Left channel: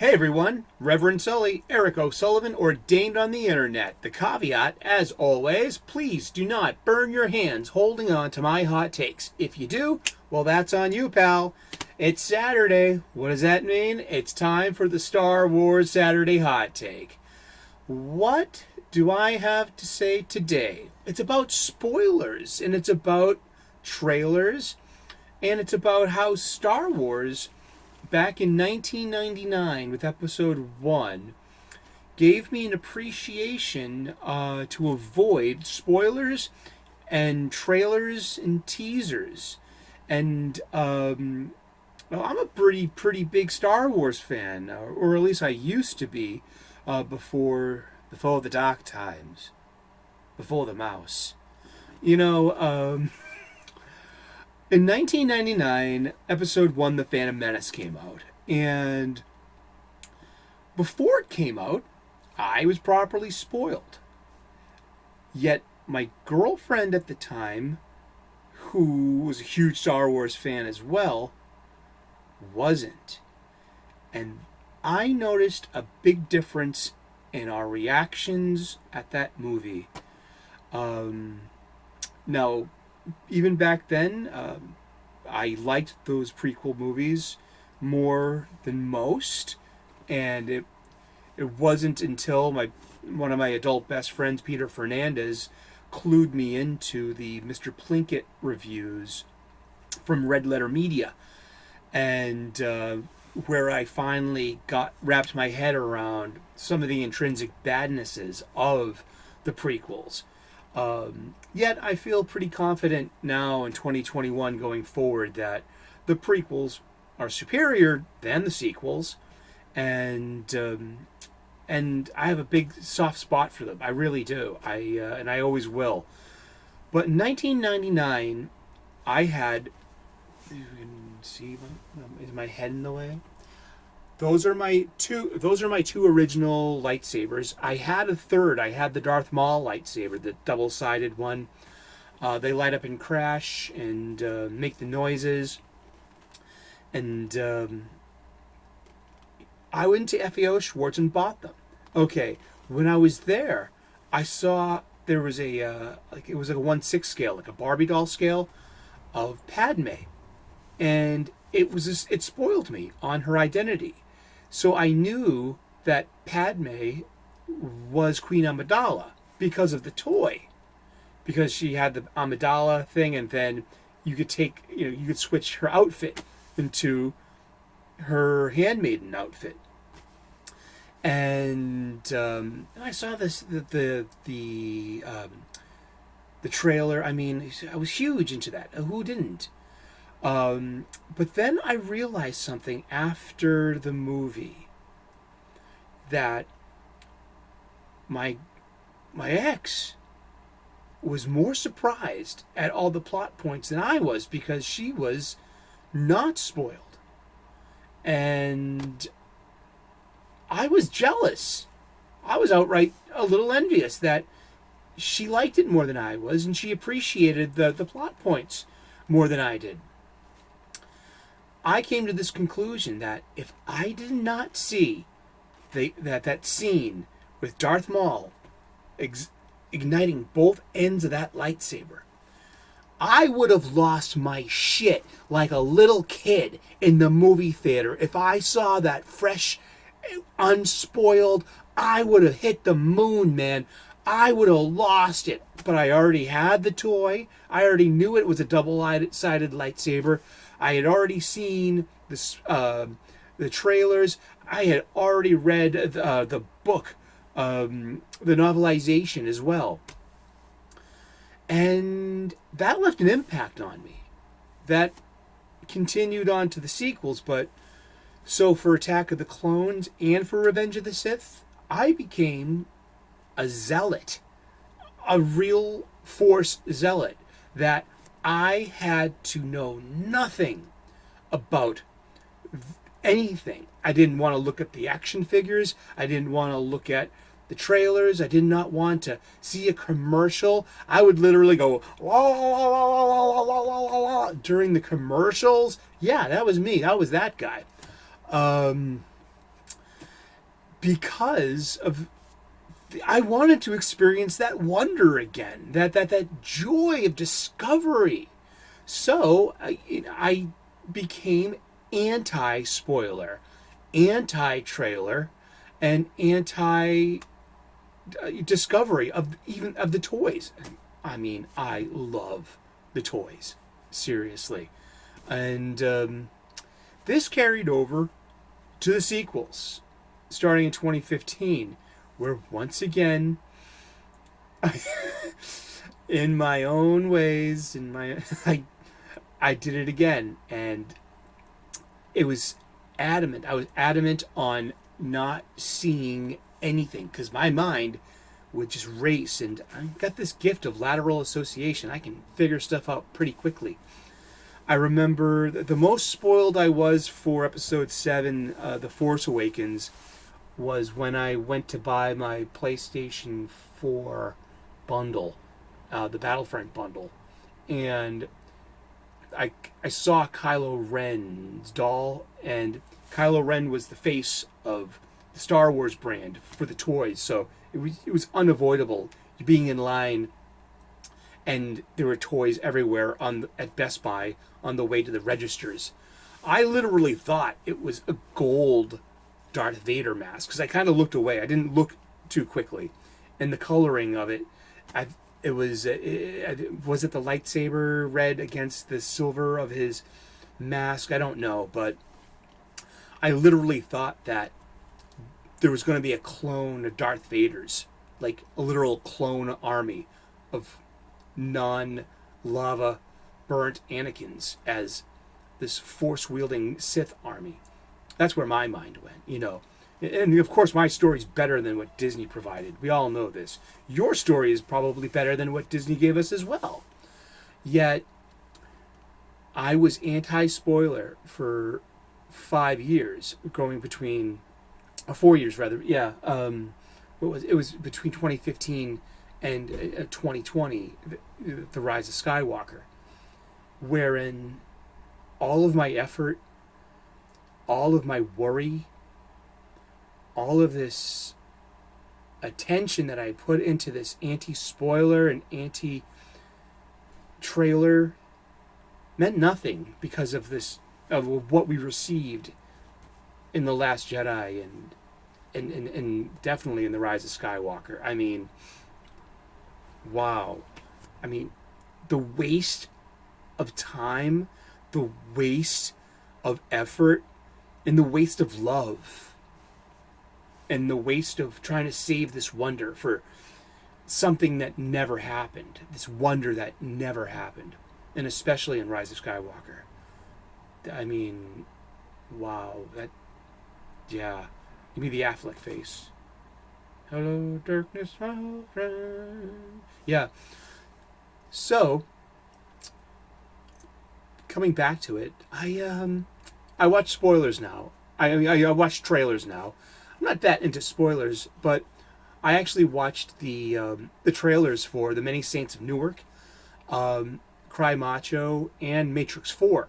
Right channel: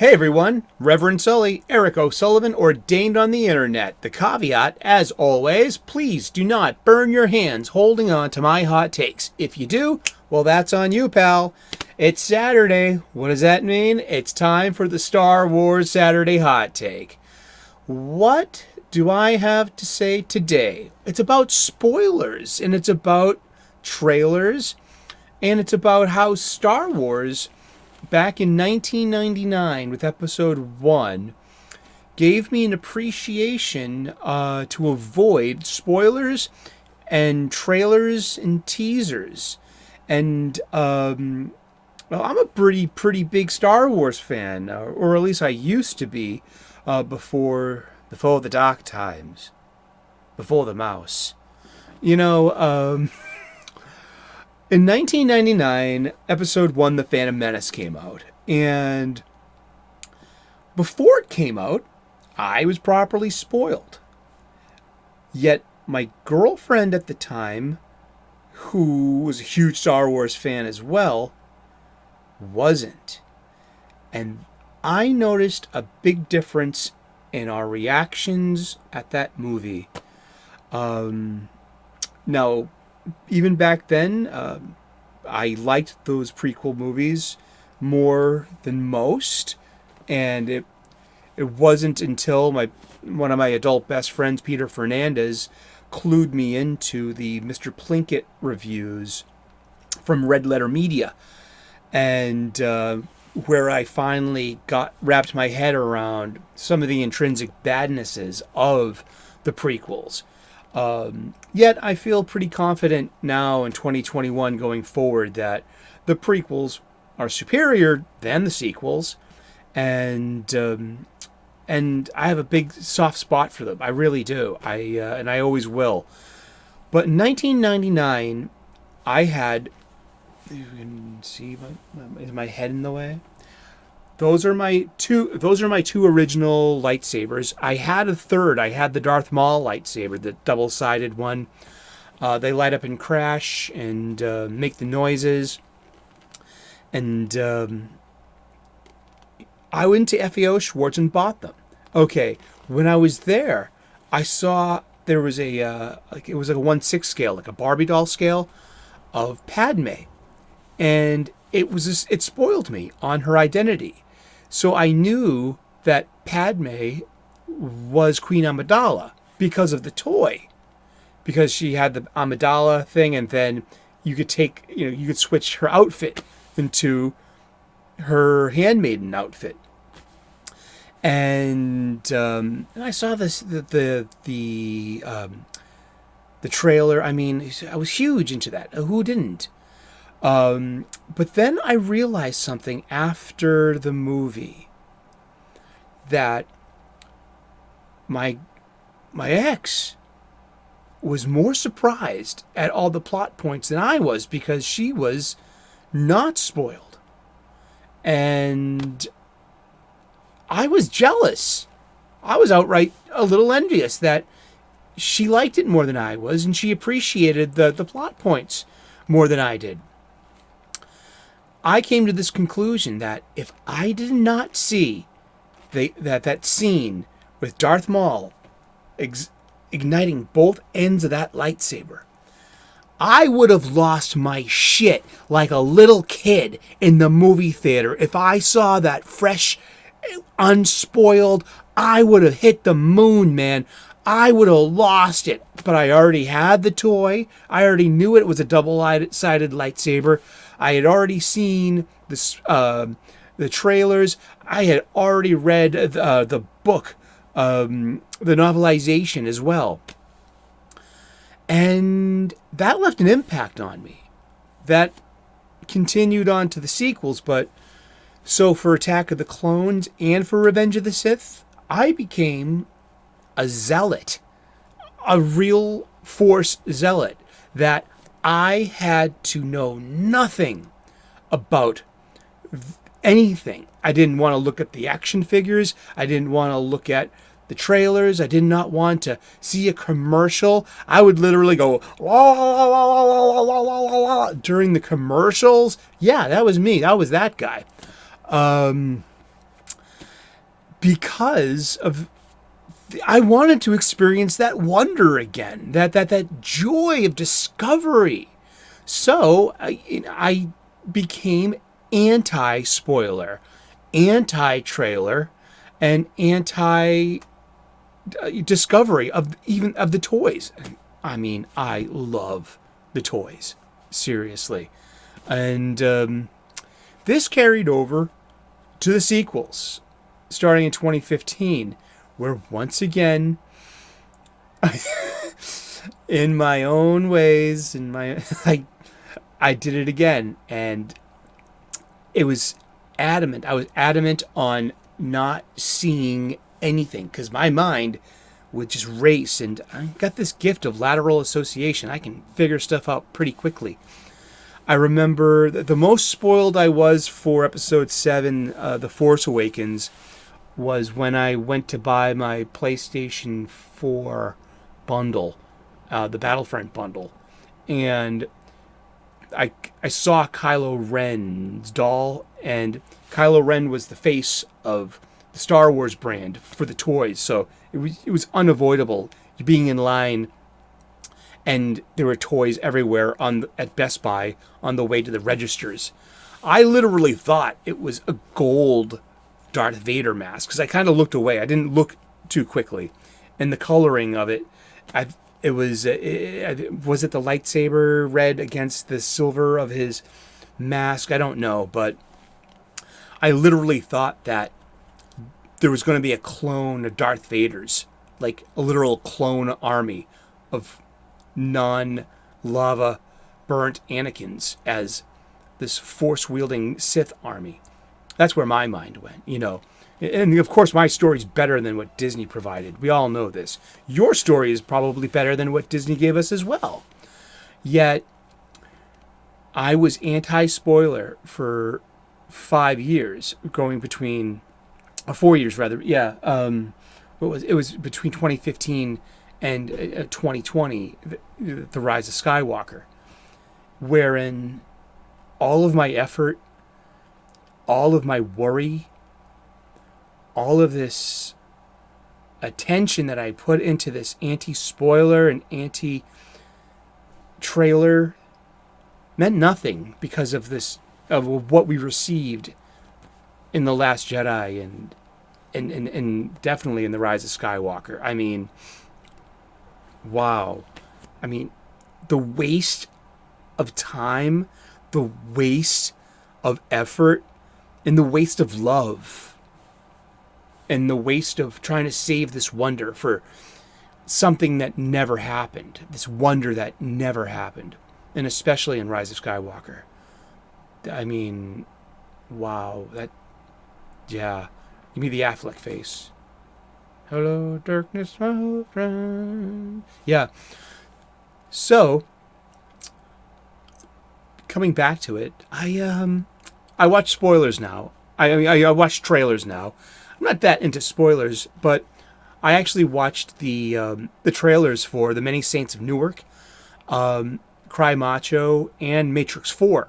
Hey everyone, Reverend Sully, Eric O'Sullivan, ordained on the internet. The caveat, as always, please do not burn your hands holding on to my hot takes. If you do, well, that's on you, pal. It's Saturday. What does that mean? It's time for the Star Wars Saturday Hot Take. What do I have to say today? It's about spoilers, and it's about trailers, and it's about how Star Wars back in 1999 with episode 1 gave me an appreciation to avoid spoilers and trailers and teasers. And well, I'm a pretty big Star Wars fan, or at least I used to be before the dark times, before the mouse. In 1999, episode 1, The Phantom Menace, came out. And before it came out, I was properly spoiled. Yet my girlfriend at the time, who was a huge Star Wars fan as well, wasn't. And I noticed a big difference in our reactions at that movie. Now, even back then, I liked those prequel movies more than most, and it wasn't until one of my adult best friends, Peter Fernandez, clued me into the Mr. Plinkett reviews from Red Letter Media, and where I finally wrapped my head around some of the intrinsic badnesses of the prequels. Yet I feel pretty confident now in 2021 going forward that the prequels are superior than the sequels, and I have a big soft spot for them. I really do. And I always will. But in 1999, I had. You can see is my head in the way? Those are my two original lightsabers. I had a third. I had the Darth Maul lightsaber, the double-sided one. They light up and crash and make the noises. And I went to FAO Schwartz and bought them. Okay, when I was there, I saw there was it was like a 1/6 scale, like a Barbie doll scale of Padme, and it spoiled me on her identity. So I knew that Padme was Queen Amidala because of the toy. Because she had the Amidala thing, and then you could switch her outfit into her handmaiden outfit. And I saw the trailer. I mean, I was huge into that. Who didn't? But then I realized something after the movie, that my ex was more surprised at all the plot points than I was, because she was not spoiled. And I was jealous. I was outright a little envious that she liked it more than I was, and she appreciated the plot points more than I did. I came to this conclusion that if I did not see that scene with Darth Maul igniting both ends of that lightsaber, I would have lost my shit like a little kid in the movie theater. If I saw that fresh, unspoiled, I would have hit the moon, man. I would have lost it. But I already had the toy. I already knew it was a double-sided lightsaber. I had already seen the trailers. I had already read the book, the novelization as well. And that left an impact on me. That continued on to the sequels, but so for Attack of the Clones and for Revenge of the Sith, I became a zealot, a real Force zealot, that I had to know nothing about anything. I didn't want to look at the action figures. I didn't want to look at the trailers. I did not want to see a commercial. I would literally go la, la, la, la, la, la, la, la, la, during the commercials. Yeah, that was me. That was that guy. because of I wanted to experience that wonder again, that joy of discovery. So I became anti-spoiler, anti-trailer, and anti-discovery of even of the toys. I mean, I love the toys, seriously, and this carried over to the sequels, starting in 2015, where once again, in my own ways, I did it again, and it was adamant. I was adamant on not seeing anything because my mind would just race, and I got this gift of lateral association. I can figure stuff out pretty quickly. I remember the most spoiled I was for Episode 7, The Force Awakens, was when I went to buy my PlayStation 4 bundle, the Battlefront bundle, and I saw Kylo Ren's doll, and Kylo Ren was the face of the Star Wars brand for the toys, so it was unavoidable being in line, and there were toys everywhere at Best Buy on the way to the registers. I literally thought it was a gold Darth Vader mask because I kind of looked away. I didn't look too quickly, and the coloring of it, was it the lightsaber red against the silver of his mask? I don't know, but I literally thought that there was going to be a clone of Darth Vader's, like a literal clone army of non-lava burnt Anakins as this force-wielding Sith army. That's where my mind went, And of course, my story's better than what Disney provided. We all know this. Your story is probably better than what Disney gave us as well. Yet, I was anti-spoiler for 5 years, going between 4 years rather. Yeah, it was between 2015 and 2020, the Rise of Skywalker, wherein all of my effort, all of my worry, all of this attention that I put into this anti-spoiler and anti-trailer meant nothing because of what we received in The Last Jedi and definitely in The Rise of Skywalker. I mean, wow. I mean, the waste of time, the waste of effort, and the waste of love, and the waste of trying to save this wonder for something that never happened, this wonder that never happened, and especially in Rise of Skywalker. I mean, wow, yeah, give me the Affleck face. Hello, darkness, my old friend. Yeah, so, coming back to it, I watch spoilers now. I watch trailers now. I'm not that into spoilers, but I actually watched the trailers for The Many Saints of Newark, Cry Macho, and Matrix 4.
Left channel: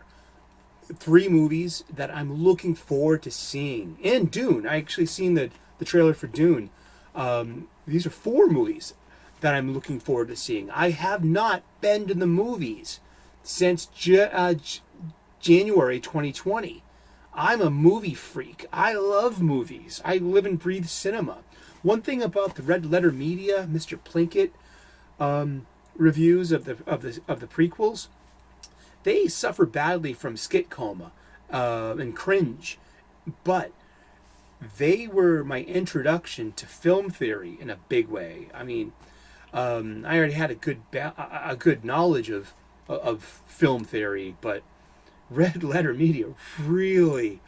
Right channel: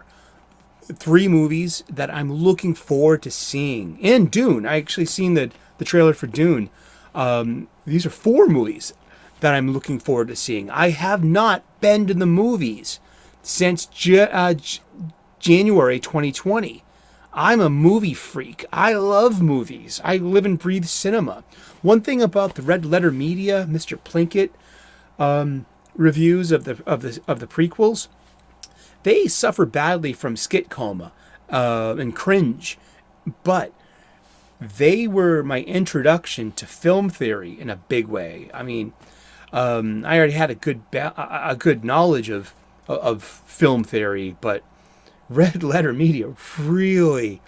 3 movies that I'm looking forward to seeing. And Dune. I actually seen the trailer for Dune. These are 4 movies that I'm looking forward to seeing. I have not been to the movies since January 2020. I'm a movie freak. I love movies. I live and breathe cinema. One thing about the Red Letter Media, Mr. Plinkett reviews of the prequels, they suffer badly from skit coma and cringe, but they were my introduction to film theory in a big way. I mean, I already had a good knowledge of film theory, but Red Letter Media really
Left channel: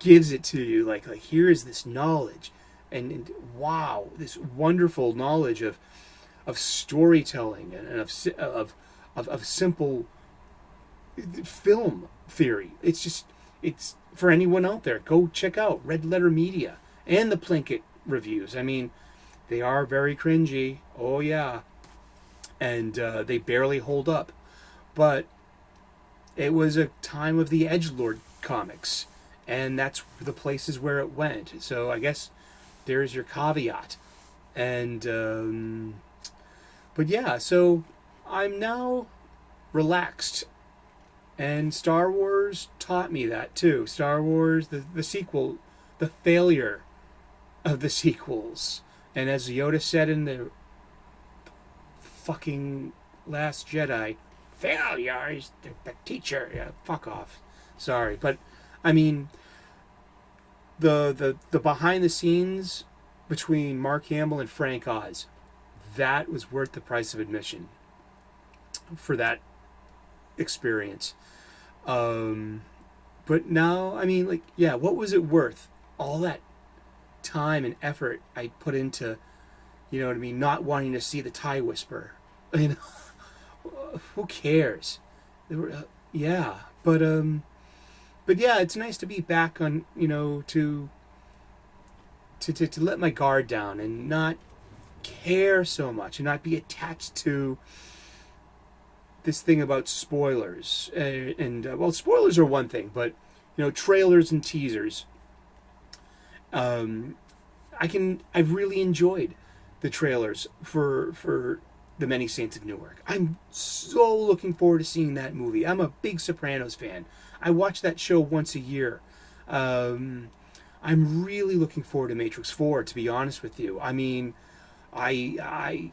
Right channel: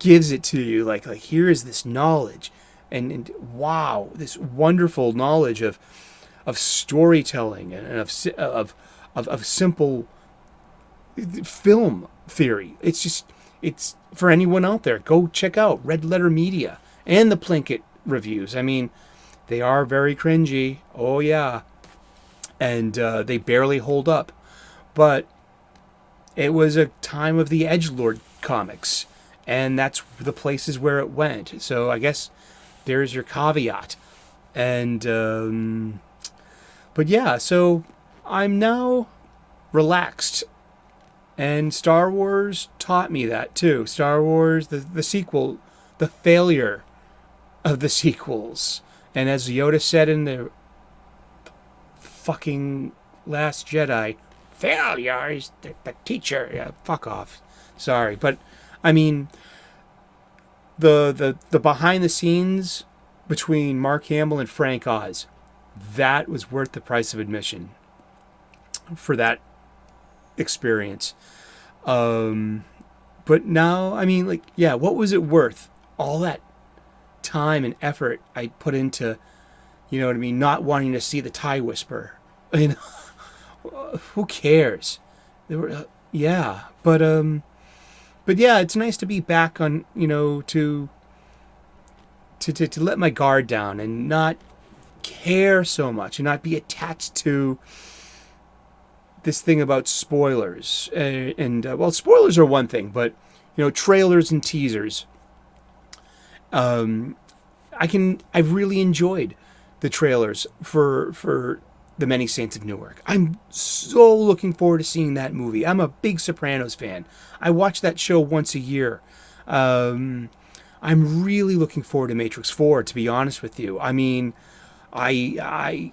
gives it to you. Like here is this knowledge, and wow, this wonderful knowledge of storytelling and of simple film theory. It's for anyone out there. Go check out Red Letter Media and the Plinkett reviews. I mean, they are very cringy. Oh yeah, and they barely hold up, but it was a time of the Edgelord comics, and that's the places where it went. So I guess there's your caveat. And but yeah, so I'm now relaxed, and Star Wars taught me that too. Star Wars, the sequel, the failure of the sequels, and as Yoda said in the fucking Last Jedi, failure is the teacher. Yeah, fuck off. Sorry, but I mean the behind the scenes between Mark Hamill and Frank Oz, that was worth the price of admission for that experience. But now, I mean, like, yeah, what was it worth? All that time and effort I put into, you know what I mean, not wanting to see the tie whisper. You know, who cares? There were, yeah, but yeah, it's nice to be back on, you know, to let my guard down and not care so much and not be attached to this thing about spoilers. Well, spoilers are one thing, but you know, trailers and teasers. I've really enjoyed the trailers for The Many Saints of Newark. I'm so looking forward to seeing that movie. I'm a big Sopranos fan. I watch that show once a year. I'm really looking forward to Matrix 4, to be honest with you. I mean, I'm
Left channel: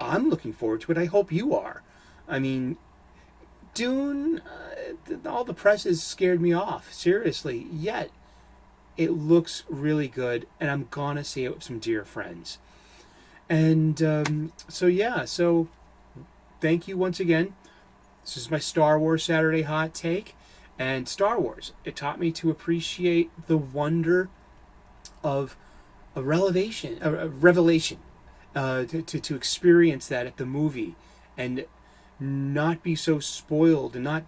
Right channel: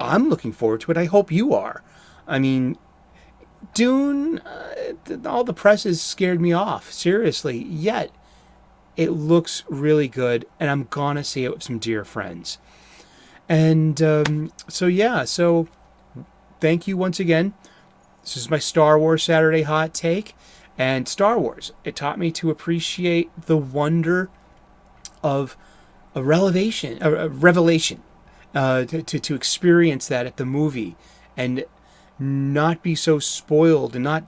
looking forward to it. I hope you are. I mean, Dune, all the press has scared me off, seriously. Yet, it looks really good, and I'm gonna see it with some dear friends. And so thank you once again. This is my Star Wars Saturday hot take. And Star Wars, it taught me to appreciate the wonder of a revelation, to experience that at the movie and not be so spoiled and not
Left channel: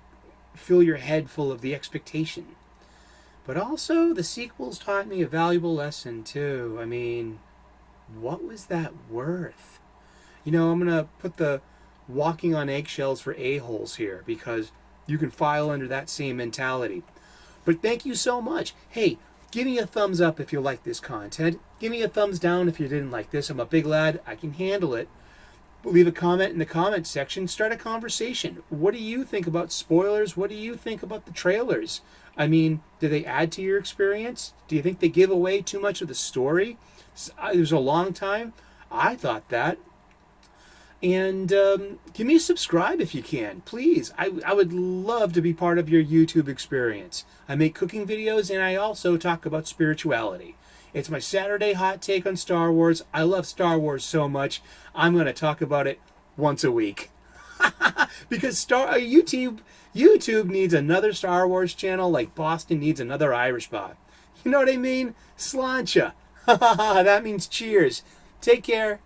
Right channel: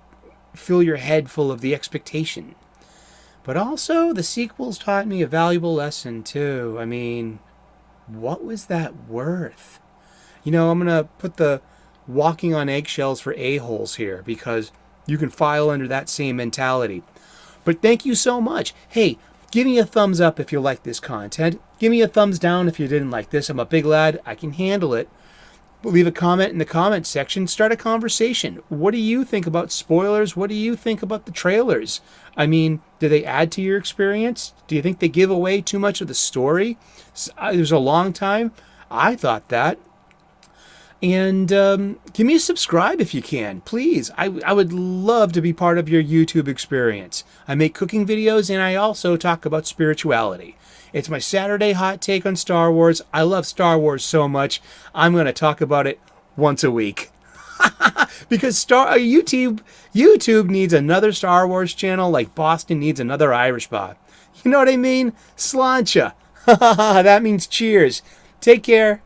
fill your head full of the expectation. But also, the sequels taught me a valuable lesson too. I mean, what was that worth? You know, I'm going to put the walking on eggshells for a-holes here because you can file under that same mentality. But thank you so much. Hey, give me a thumbs up if you like this content. Give me a thumbs down if you didn't like this. I'm a big lad. I can handle it. Leave a comment in the comment section. Start a conversation. What do you think about spoilers? What do you think about the trailers? I mean, do they add to your experience? Do you think they give away too much of the story? It was a long time. I thought that. And give me a subscribe if you can, please. I would love to be part of your YouTube experience. I make cooking videos and I also talk about spirituality. It's my Saturday hot take on Star Wars. I love Star Wars so much, I'm going to talk about it once a week. Because YouTube needs another Star Wars channel like Boston needs another Irish bar. You know what I mean? Sláinte. That means cheers. Take care.